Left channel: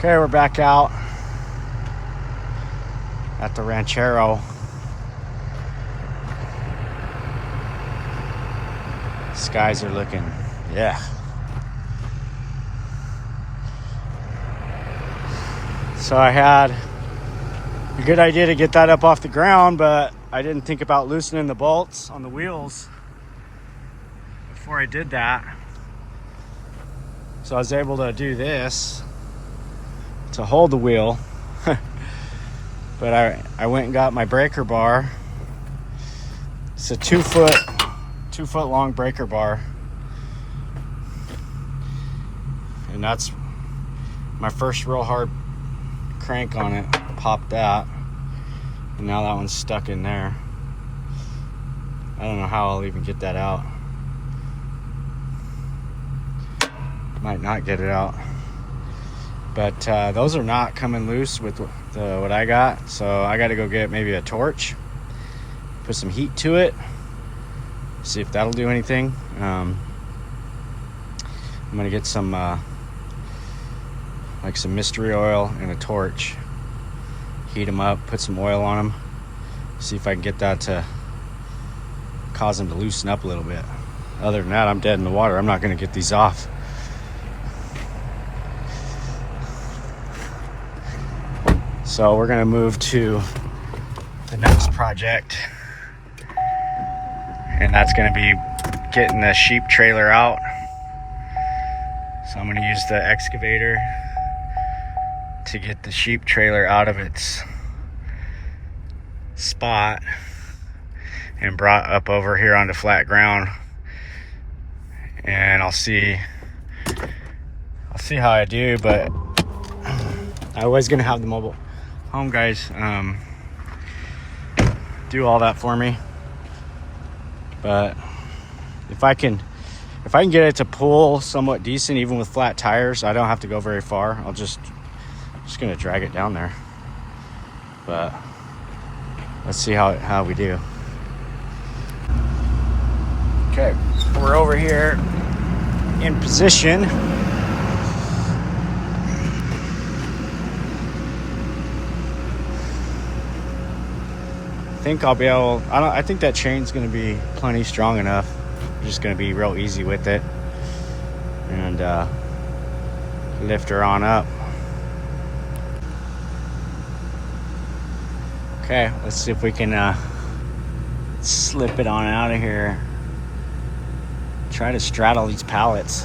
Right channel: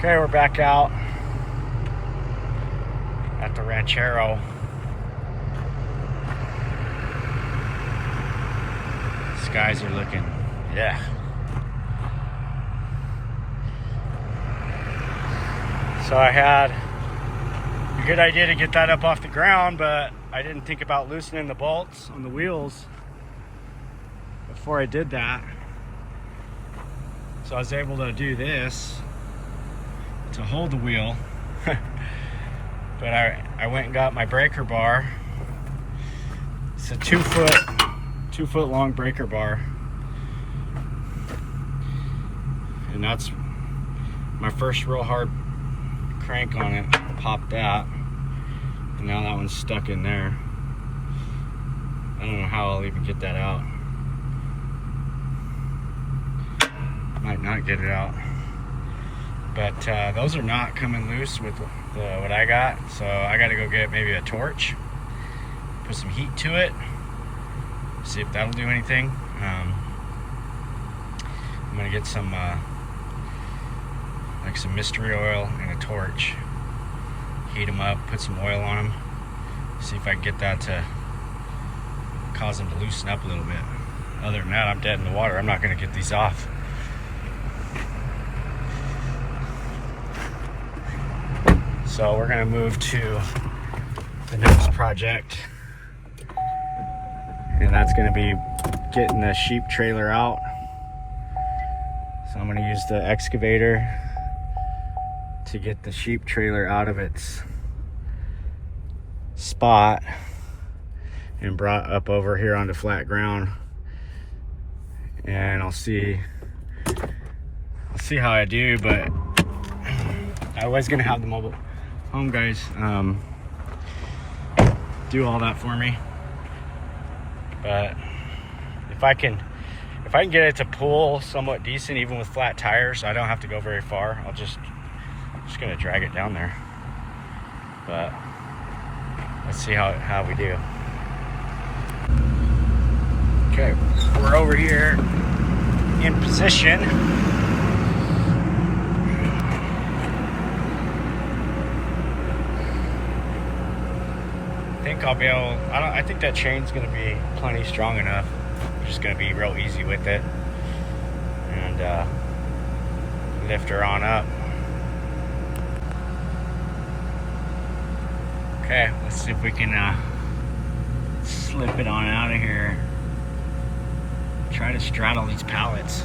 Okay, we're back out at the Ranchero. Skies are looking, yeah. So I had a good idea to get that up off the ground, but I didn't think about loosening the bolts on the wheels before I did that. So I was able to do this to hold the wheel. But I went and got my breaker bar. It's a 2 foot long breaker bar. And that's my first real hard crank on it. Popped that. And now that one's stuck in there. I don't know how I'll even get that out. Might not get it out. But those are not coming loose with what I got, so I got to go get maybe a torch, put some heat to it, see if that'll do anything. I'm gonna get some like some mystery oil and a torch, heat them up, put some oil on them, see if I can get that to cause them to loosen up a little bit. Other than that, I'm dead in the water. I'm not gonna get these off. So we're gonna move to the next project, and that's gonna be getting the sheep trailer out. So I'm gonna use the excavator to get the sheep trailer out of its spot and brought up over here onto flat ground. And I'll see how I do, but I was gonna have the mobile home guys do all that for me, but if I can get it to pull somewhat decent even with flat tires, I don't have to go very far. I'm just gonna drag it down there, but let's see how we do. Okay, we're over here in position. I think I'll be able, I think that chain's gonna be plenty strong enough. I'm just gonna be real easy with it and lift her on up. Okay, let's see if we can slip it on out of here. Try to straddle these pallets.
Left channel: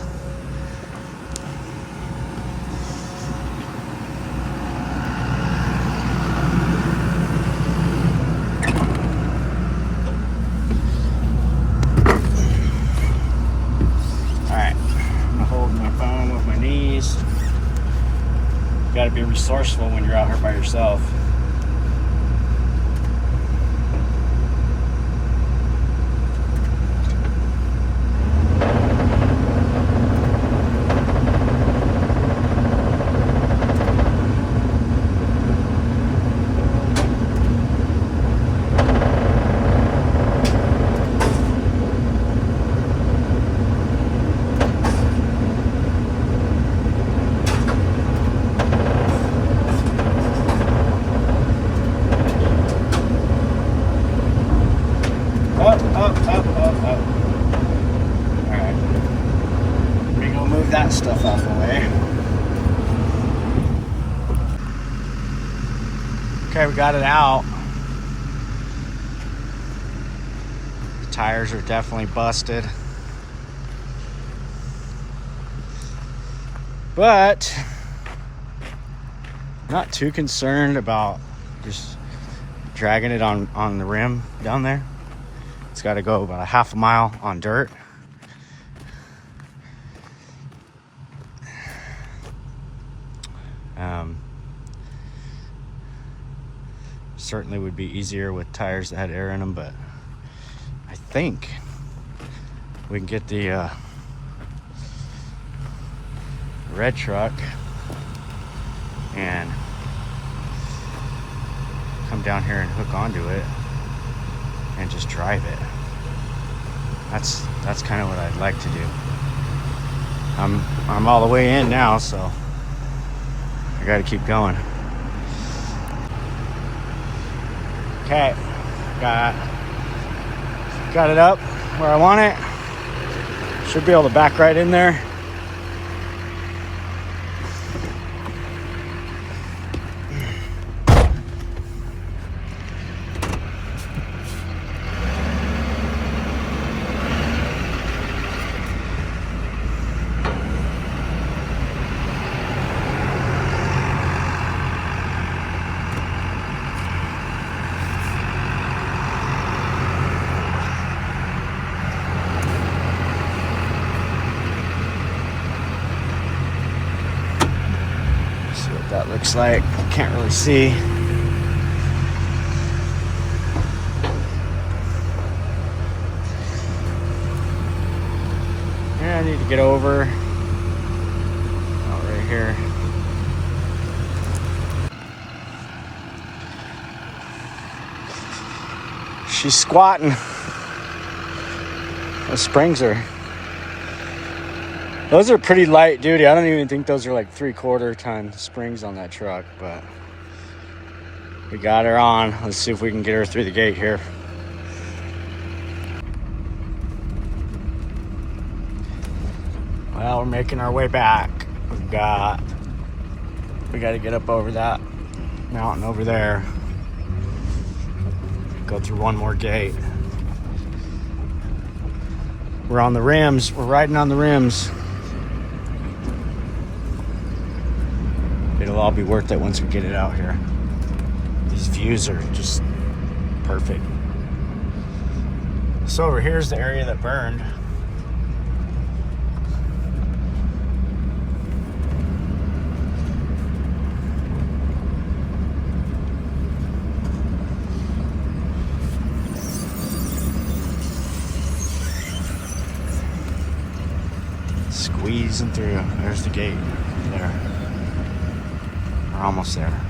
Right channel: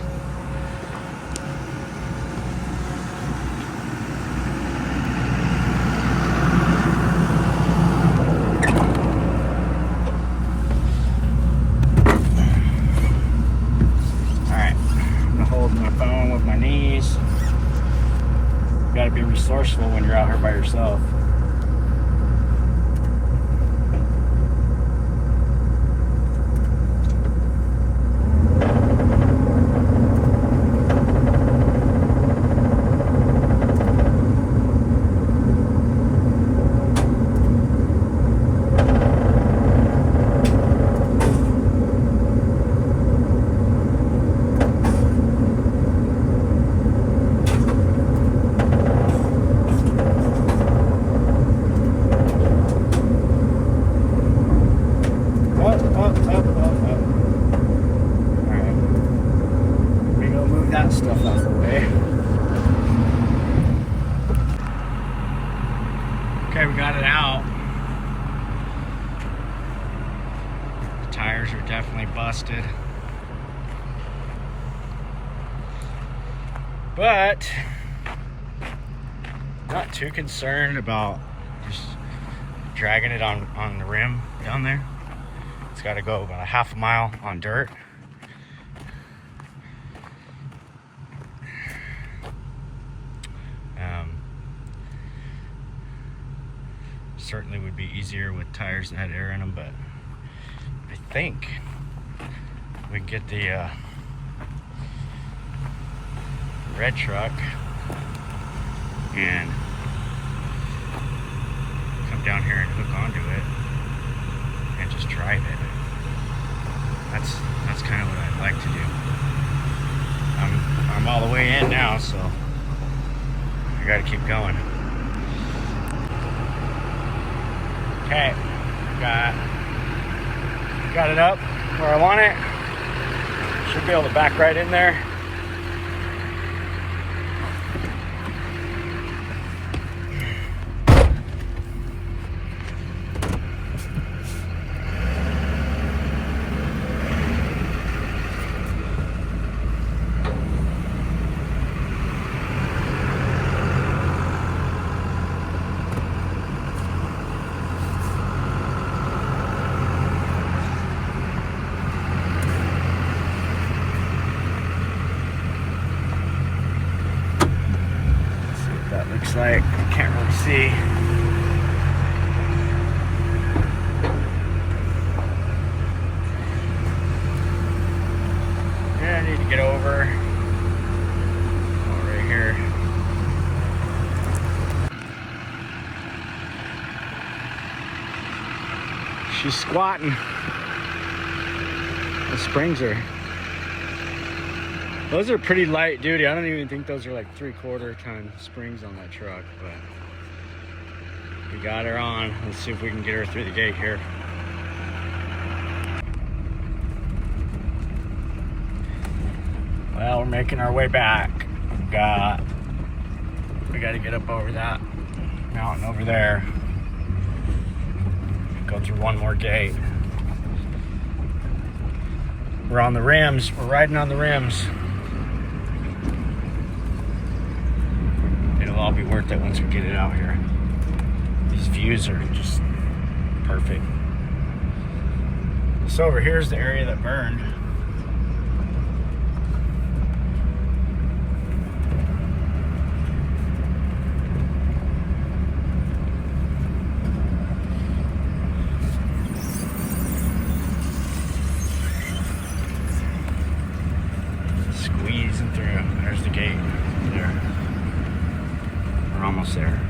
You gotta be resourceful when you're out here by yourself. Up. Alright. We go move that stuff out of the way. Okay, we got it out. The tires are definitely busted. But not too concerned about just dragging it on the rim down there. It's got to go about a half a mile on dirt. Certainly would be easier with tires that had air in them, but I think we can get the red truck and come down here and hook onto it and just drive it. That's kind of what I'd like to do. I'm all the way in now, so I gotta keep going. Okay, got it up where I want it. Should be able to back right in there. Looks like can't really see. I need to get over right here. She's squatting. Those springs those are pretty light duty. I don't even think those are like 3/4 ton springs on that truck, but we got her on. Let's see if we can get her through the gate here. Well, we're making our way back. We got to get up over that mountain over there. Go through one more gate. We're on the rims. We're riding on the rims. It'll all be worth it once we get it out here. These views are just perfect. So over here's the area that burned. Squeezing through. There's the gate. There. We're almost there.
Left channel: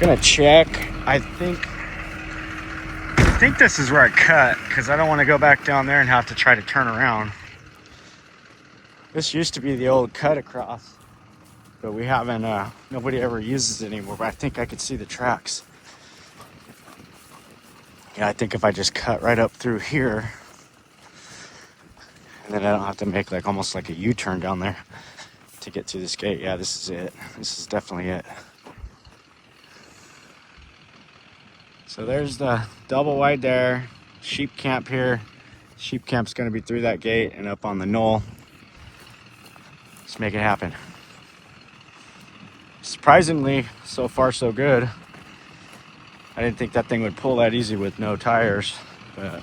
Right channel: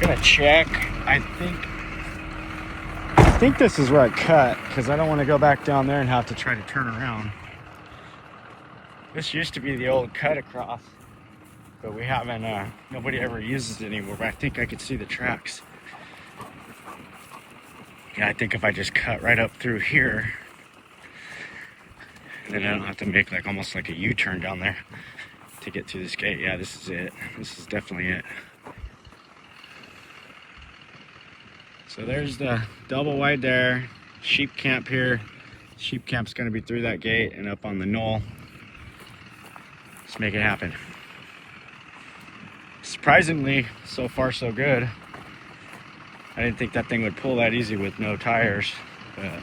Gonna check. I think this is where I cut, because I don't want to go back down there and have to try to turn around. This used to be the old cut across, but we haven't, nobody ever uses it anymore, but I think I could see the tracks. Yeah, I think if I just cut right up through here, and then I don't have to make like almost like a U-turn down there to get through this gate. Yeah, this is it. This is definitely it. So there's the double wide there, sheep camp here. Sheep camp's gonna be through that gate and up on the knoll. Let's make it happen. Surprisingly, so far so good. I didn't think that thing would pull that easy with no tires, but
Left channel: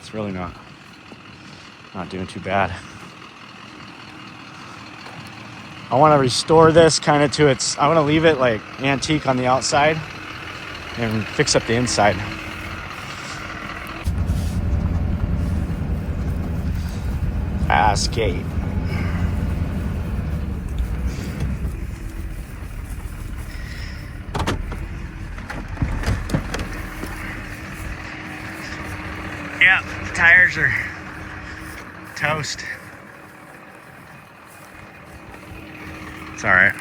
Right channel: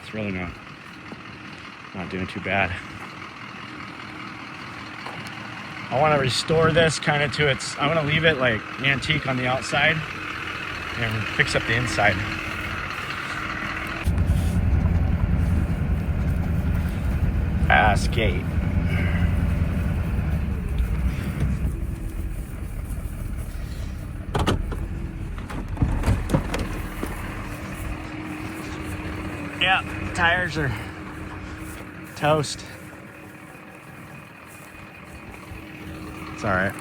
it's really not doing too bad. I want to restore this kind of to its, I want to leave it like antique on the outside and fix up the inside. Ass gate. Yeah, tires are toast. It's all right.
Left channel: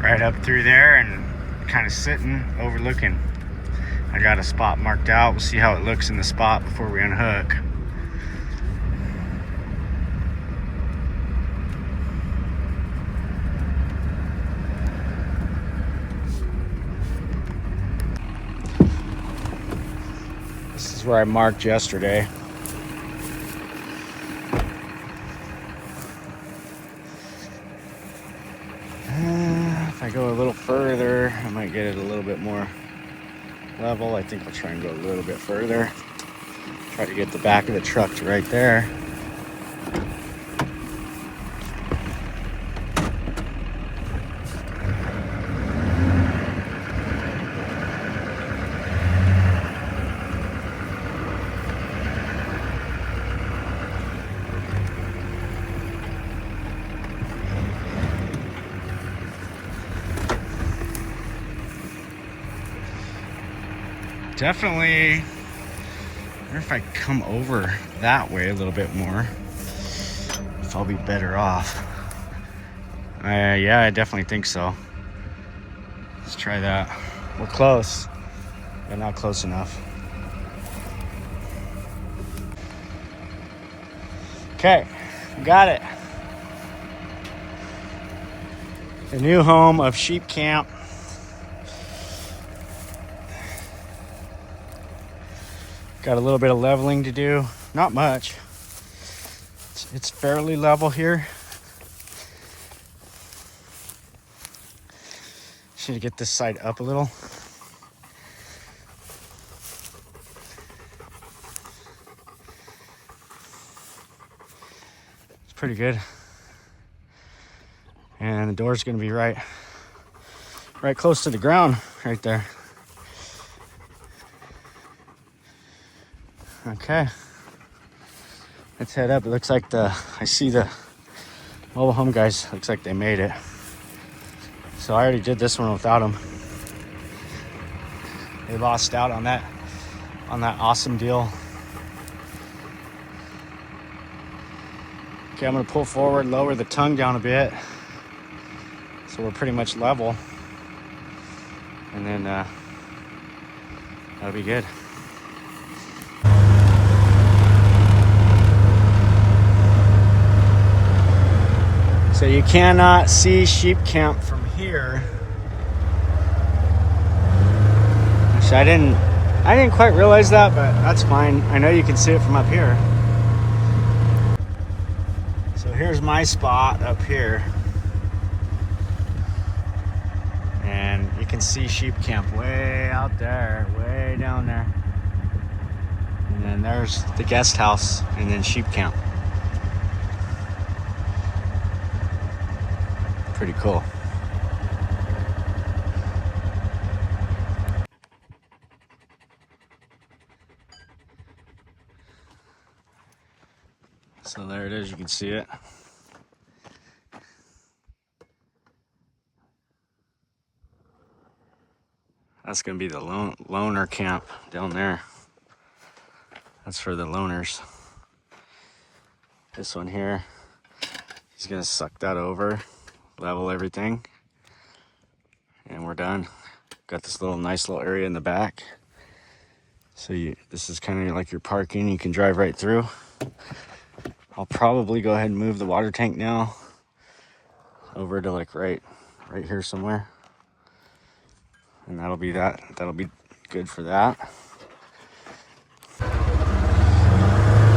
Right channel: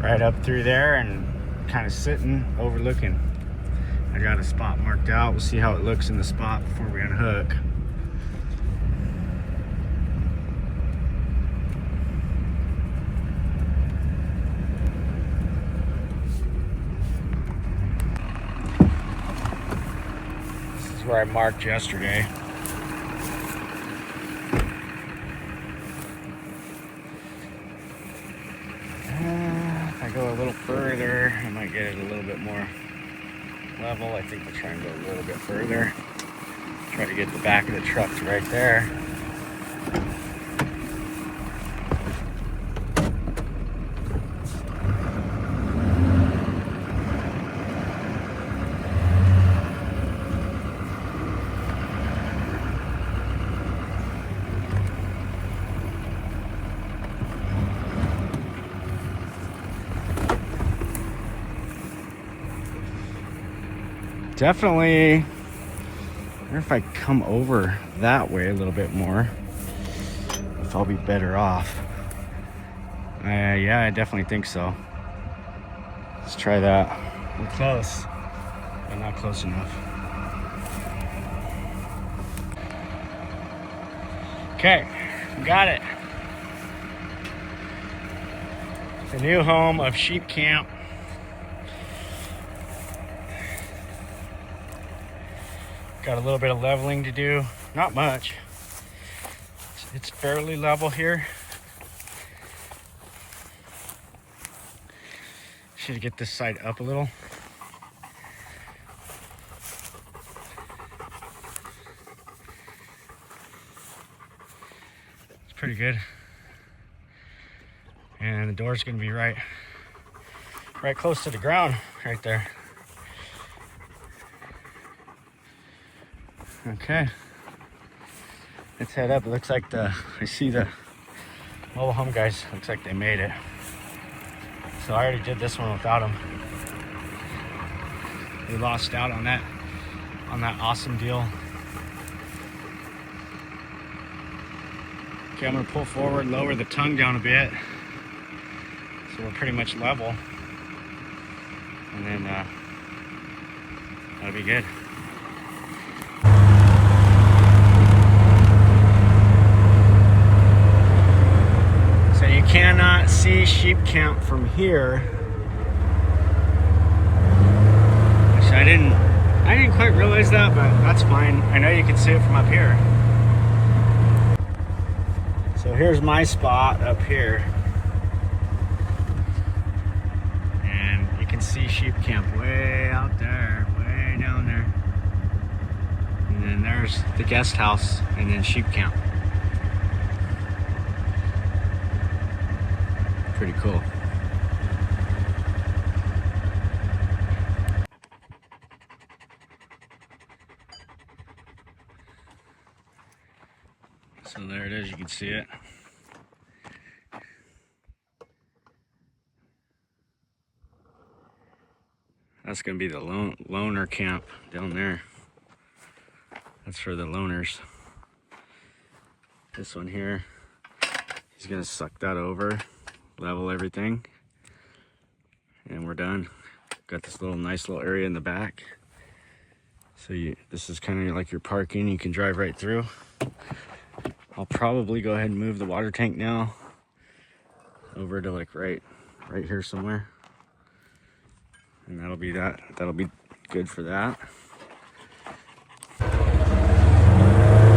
Right up through there and kind of sitting, overlooking I got a spot marked out. We'll see how it looks in the spot before we unhook. This is where I marked yesterday. If I go a little further, I might get it a little bit more level. I think I'll try and go a little bit further. Try to get the back of the truck to right there. Definitely, I wonder if I come over that way a little bit more, if I'll be better off. Yeah, I definitely think so. Let's try that. We're close, but not close enough. Okay, got it. The new home of Sheep Camp. Got a little bit of leveling to do, not much. It's fairly level here. Should get this side up a little. It's pretty good. And the door's gonna be right close to the ground right there. Okay, let's head up. It looks like I see the mobile home guys. Looks like they made it. So I already did this one without them. They lost out on that awesome deal. Okay, I'm gonna pull forward, lower the tongue down a bit, so we're pretty much level, and then that'll be good. So you cannot see Sheep Camp from here. Actually, I didn't quite realize that, but that's fine. I know you can see it from up here. So here's my spot up here. And you can see Sheep Camp way out there, way down there. And then there's the guest house and then Sheep Camp. Pretty cool. So there it is, you can see it. That's gonna be the loner camp down there. That's for the loners. This one here, he's gonna suck that over, level everything, and we're done. Got this nice little area in the back. So this is kind of like your parking. You can drive right through. I'll probably go ahead and move the water tank now over to like right here somewhere. And that'll be good for that.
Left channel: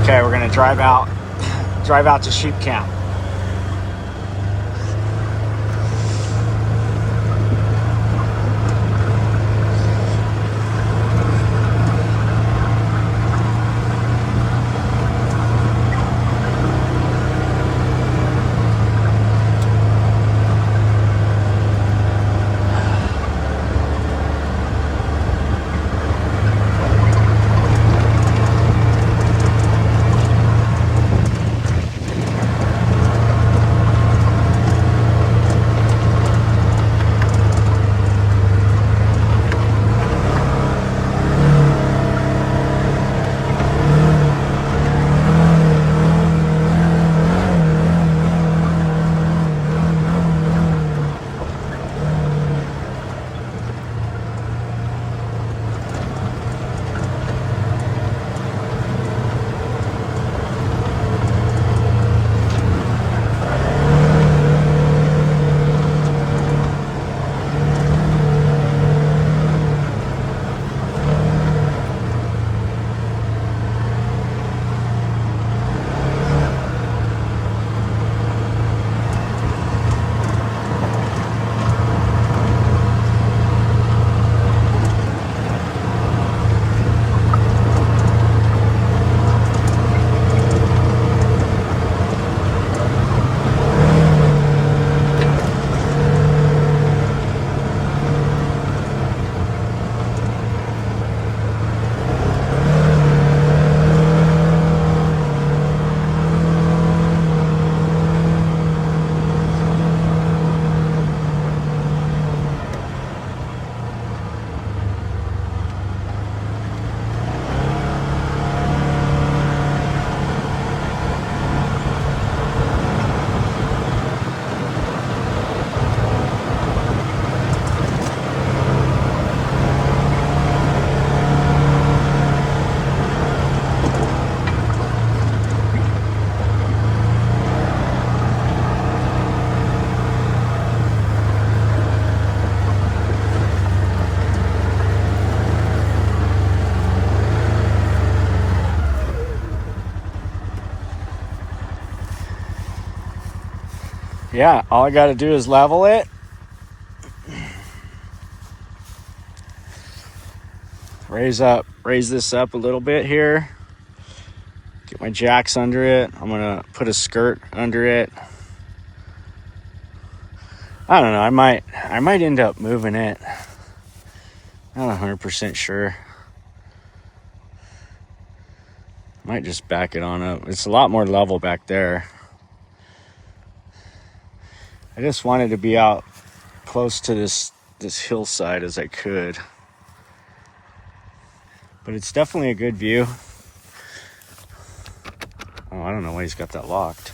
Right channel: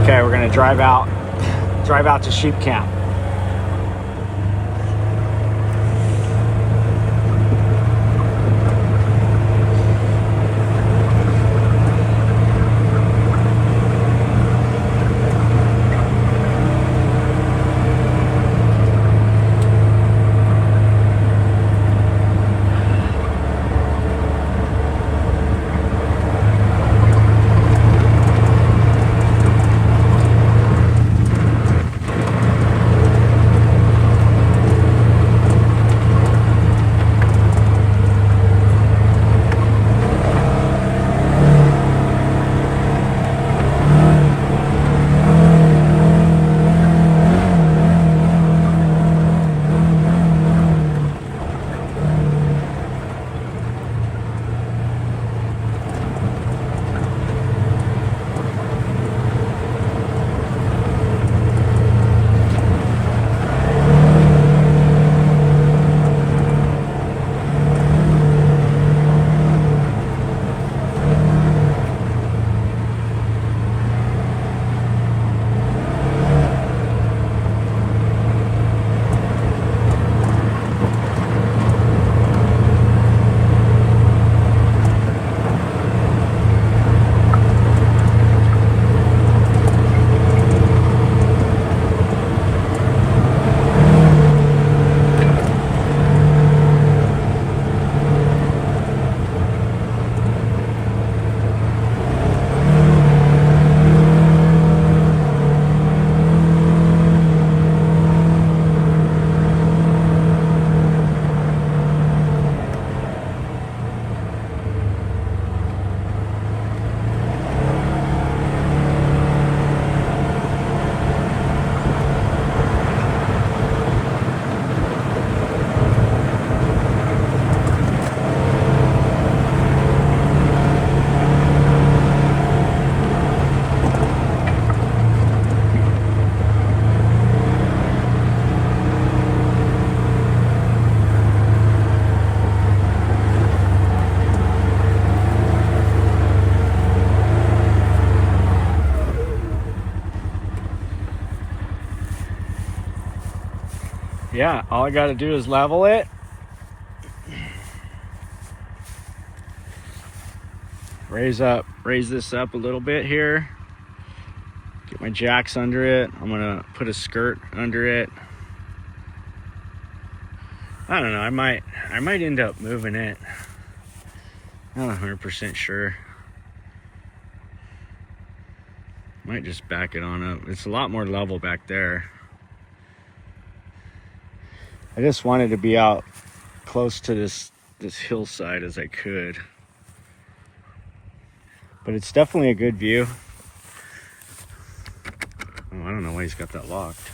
Okay, we're gonna drive out to Sheep Camp. yeah, all I got to do is level it. Raise this up a little bit here. Get my jacks under it. I'm gonna put a skirt under it. I don't know, I might end up moving it. Not 100% sure. Might just back it on up. It's a lot more level back there. I just wanted to be out close to this hillside as I could. But it's definitely a good view. Oh, I don't know why he's got that locked.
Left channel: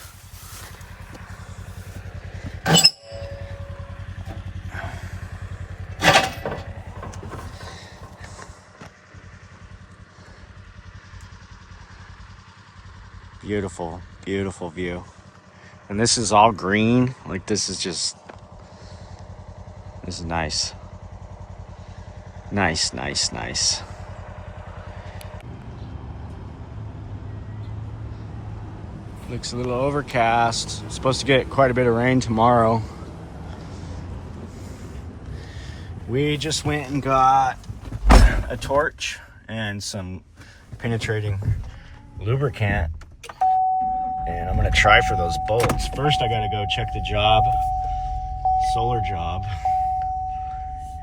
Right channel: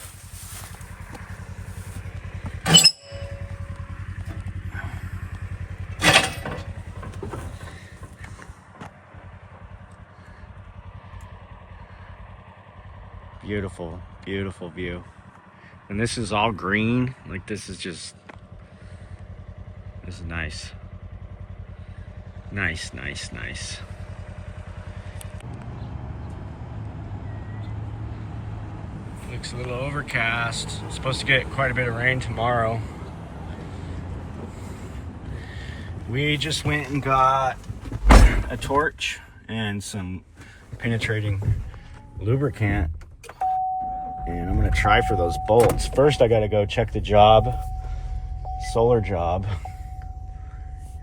Beautiful, beautiful view. And this is all green. Like this is nice. Nice, nice, nice. Looks a little overcast. It's supposed to get quite a bit of rain tomorrow. We just went and got a torch and some penetrating lubricant. And I'm gonna try for those bolts. First, I gotta go check the job, solar job.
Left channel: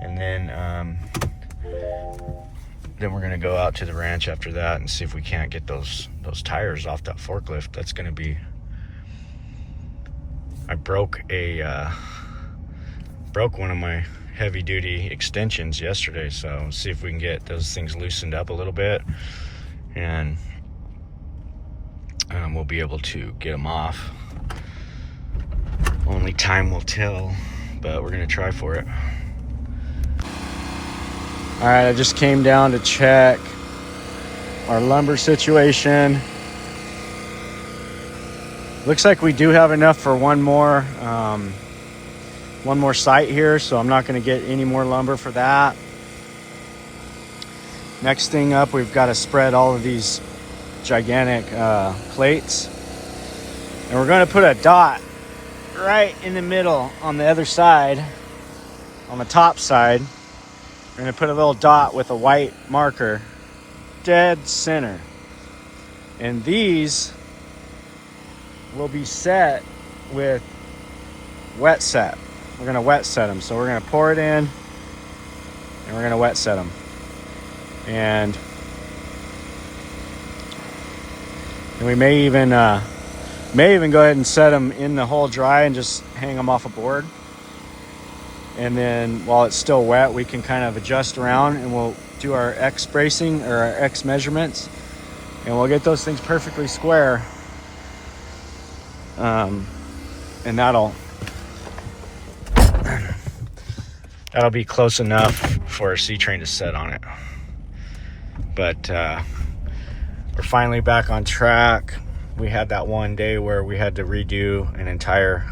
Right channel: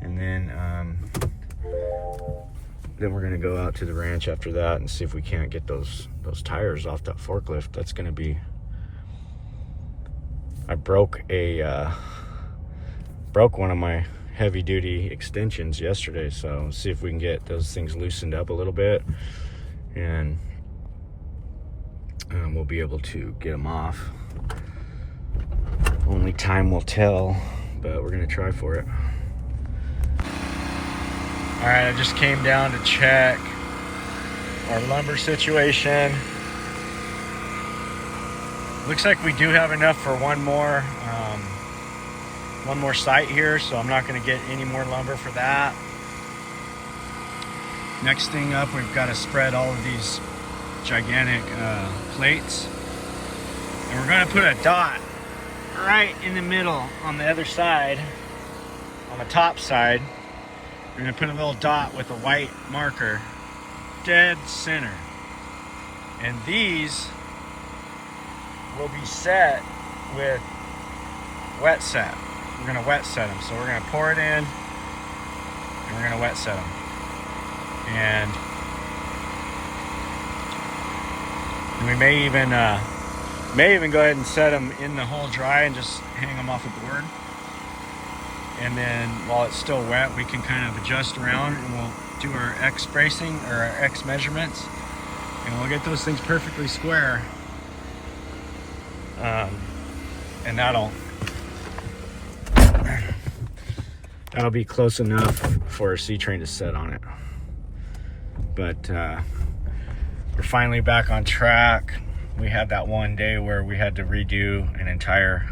And then we're gonna go out to the ranch after that and see if we can't get those tires off that forklift. That's gonna be, I broke one of my heavy duty extensions yesterday, so see if we can get those things loosened up a little bit, and we'll be able to get them off. Only time will tell, but we're gonna try for it. All right, I just came down to check our lumber situation. Looks like we do have enough for one more site here, so I'm not gonna get any more lumber for that. Next thing up, we've got to spread all of these gigantic plates, and we're going to put a dot right in the middle on the other side, on the top side. We're going to put a little dot with a white marker dead center, and these will be set with wet set. We're going to wet set them, so we're going to pour it in and we're going to wet set them. And we may even go ahead and set them in the hole dry and just hang them off a board. And then while it's still wet, we can kind of adjust around, and we'll do our X bracing or our X measurements, and we'll get those things perfectly square. And that'll be close enough for a C-train to set on it. But we're finally back on track. We had that one day where we had to redo an entire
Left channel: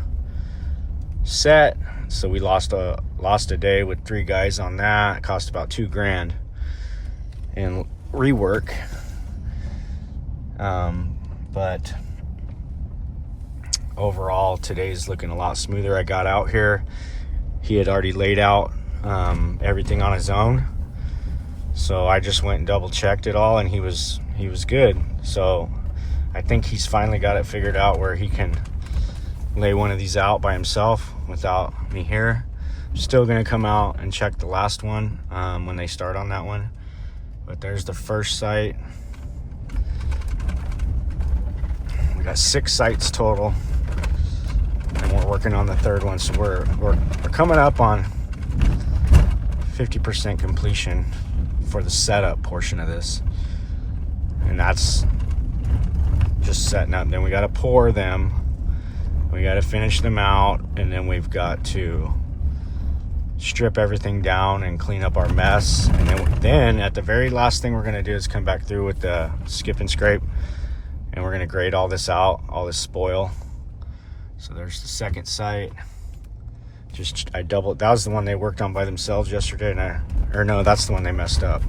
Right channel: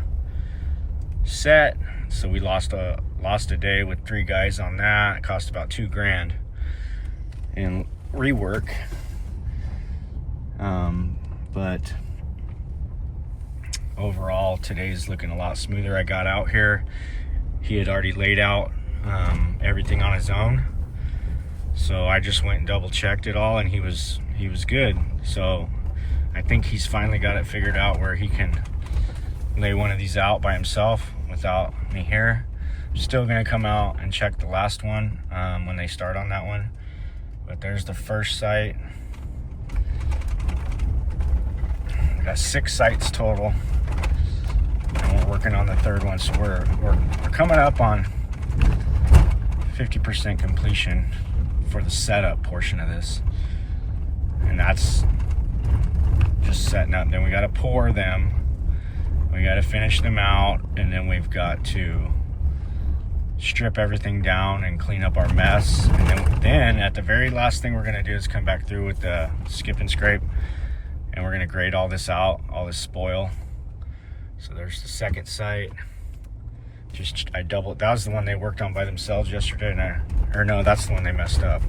set, so we lost a day with 3 guys on that. It cost about $2,000 in rework. But overall, today's looking a lot smoother. I got out here, he had already laid out everything on his own, so I just went and double checked it all, and he was good. So I think he's finally got it figured out where he can lay one of these out by himself without me here. I'm still gonna come out and check the last one when they start on that one. But there's the first site. We got 6 sites total, and we're working on the 3rd one, so we're coming up on 50% completion for the setup portion of this, and that's just setting up. Then we got to pour them, we got to finish them out, and then we've got to strip everything down and clean up our mess. And then at the very last thing we're going to do is come back through with the skip and scrape, and we're going to grade all this out, all this spoil. So there's the 2nd site. That was the one they worked on by themselves yesterday, or no, that's the one they messed up.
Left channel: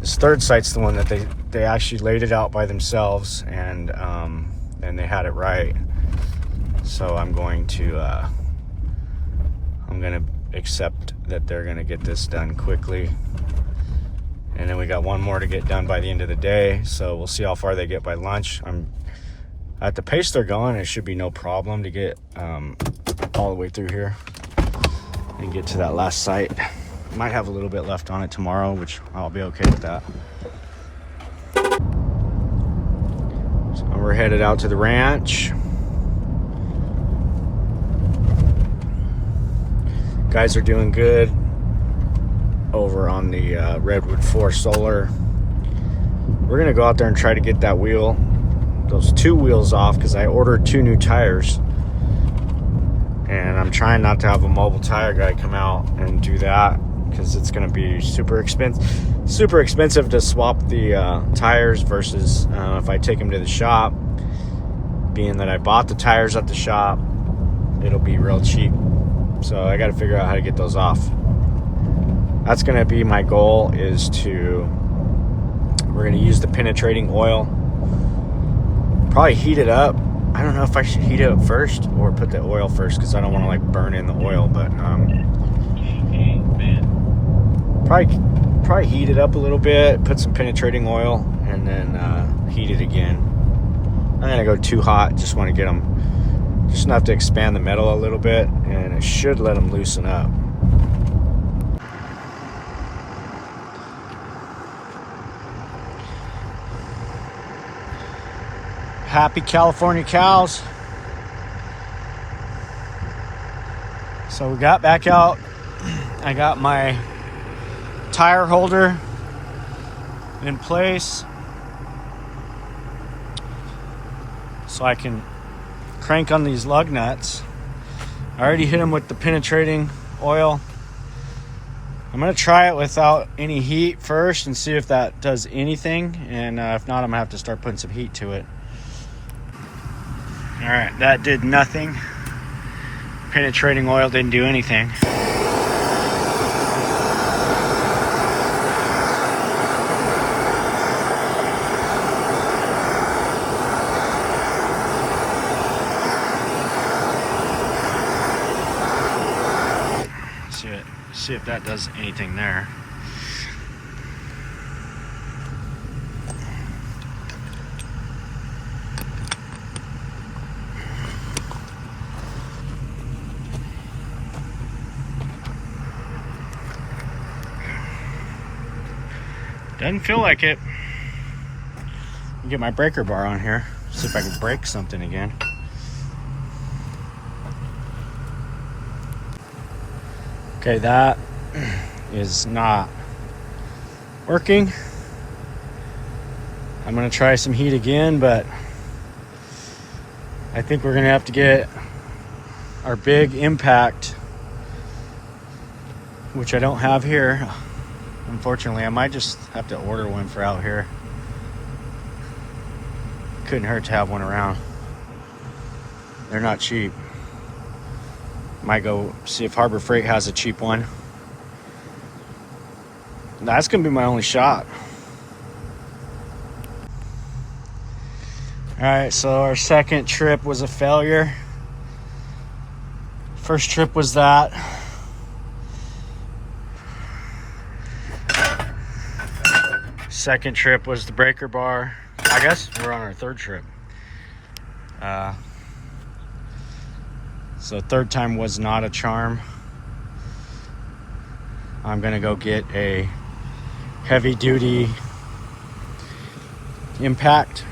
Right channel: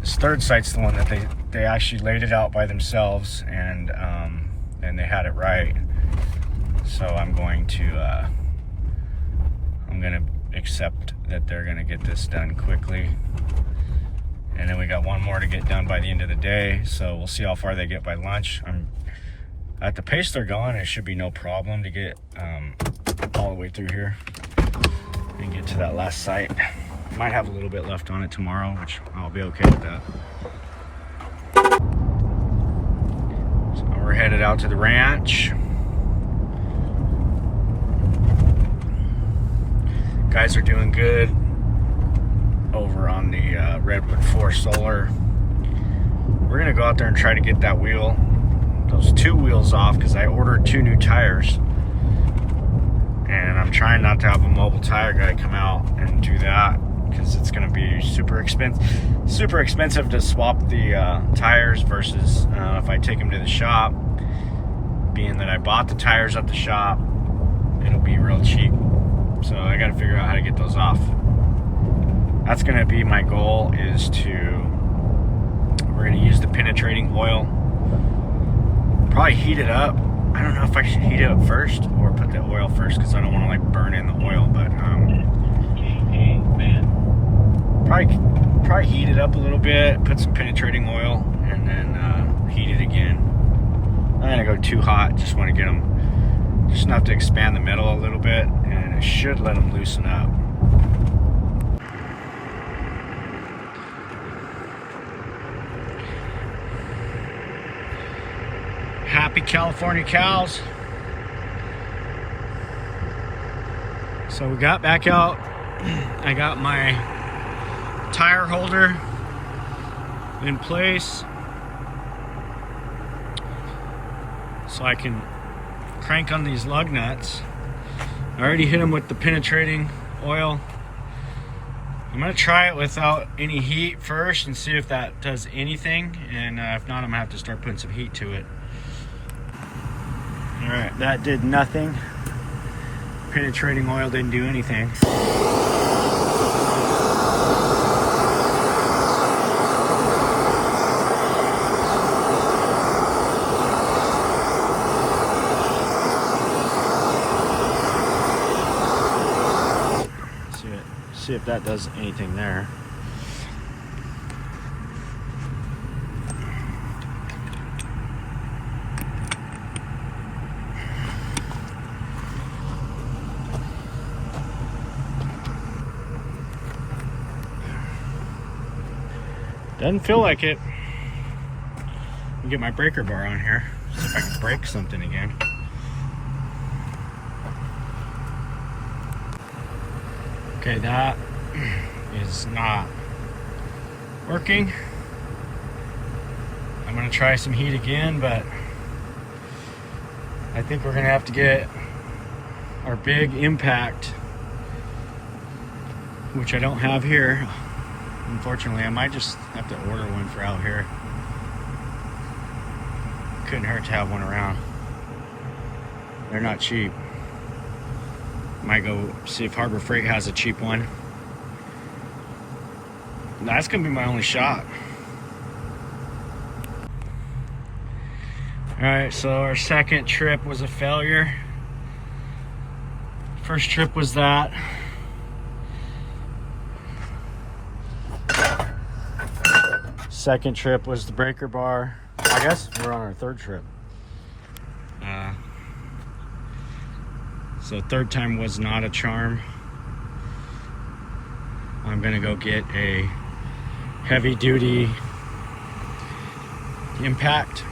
This 3rd site's the one that they actually laid it out by themselves, and they had it right. So I'm going to accept that they're gonna get this done quickly. And then we got one more to get done by the end of the day. So we'll see how far they get by lunch. I'm at the pace they're going, it should be no problem to get all the way through here and get to that last site. Might have a little bit left on it tomorrow, which I'll be okay with that. So we're headed out to the ranch. Guys are doing good over on the Redwood 4 Solar. We're gonna go out there and try to get that wheel, those 2 wheels off, because I ordered 2 new tires. And I'm trying not to have a mobile tire guy come out and do that, because it's going to be super expensive to swap the tires versus if I take them to the shop. Being that I bought the tires at the shop, it'll be real cheap. So I got to figure out how to get those off. That's going to be my goal, is we're going to use the penetrating oil, probably heat it up. I don't know if I should heat it up first or put the oil first, because I don't want to like burn in the oil, but probably heat it up a little bit, put some penetrating oil, and then heat it again. I'm not gonna go too hot, just want to get them just enough to expand the metal a little bit, and it should let them loosen up. Happy California cows. So we got back out. I got my tire holder in place so I can crank on these lug nuts. I already hit them with the penetrating oil. I'm gonna try it without any heat first and see if that does anything, and if not, I'm gonna have to start putting some heat to it. All right, that did nothing. Penetrating oil didn't do anything. See if that does anything there. Doesn't feel like it. Let me get my breaker bar on here. See if I can break something again. Okay, that is not working. I'm gonna try some heat again, but I think we're gonna have to get our big impact, which I don't have here. Unfortunately, I might just have to order one for out here. Couldn't hurt to have one around. They're not cheap. Might go see if Harbor Freight has a cheap one. That's gonna be my only shot. All right, so our second trip was a failure. First trip was that. Second trip was the breaker bar. I guess we're on our third trip. So third time was not a charm. I'm gonna go get a heavy duty impact.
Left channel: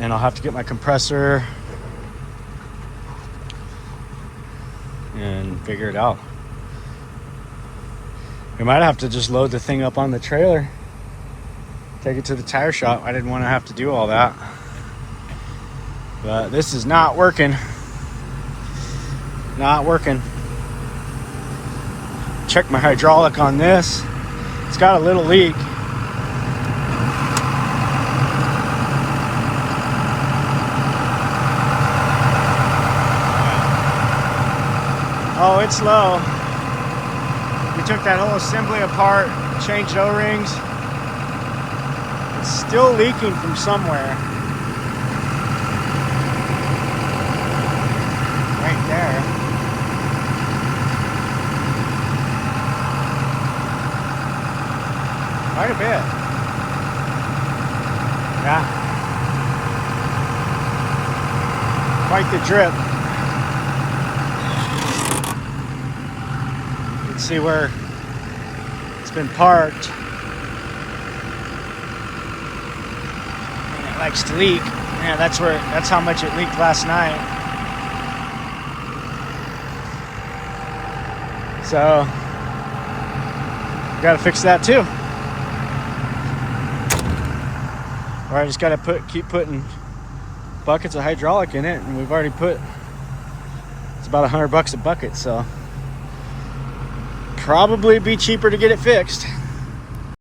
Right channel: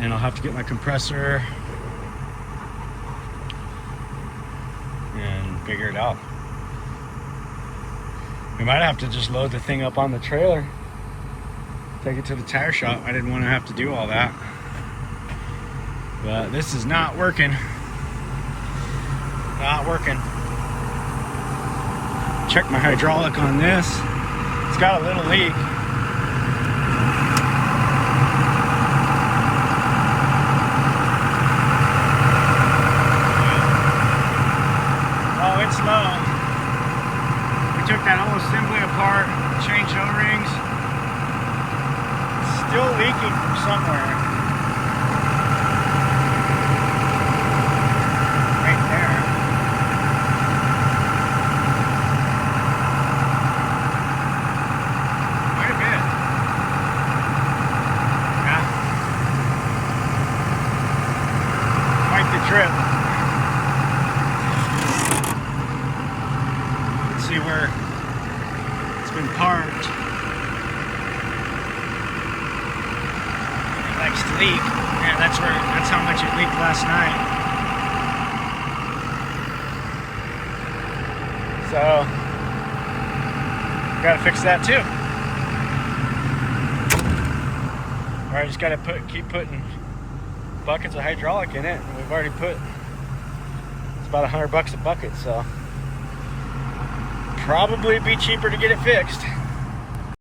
And I'll have to get my compressor and figure it out. We might have to just load the thing up on the trailer, take it to the tire shop. I didn't want to have to do all that. But this is not working. Not working. Check my hydraulic on this. It's got a little leak. Oh, it's low. We took that whole assembly apart, changed O-rings. It's still leaking from somewhere. see where it's been parked. Next leak. Yeah, that's how much it leaked last night. So gotta fix that too. Or I just gotta keep putting buckets of hydraulic in it, and we've already put, it's about $100 a bucket, so probably be cheaper to get it fixed.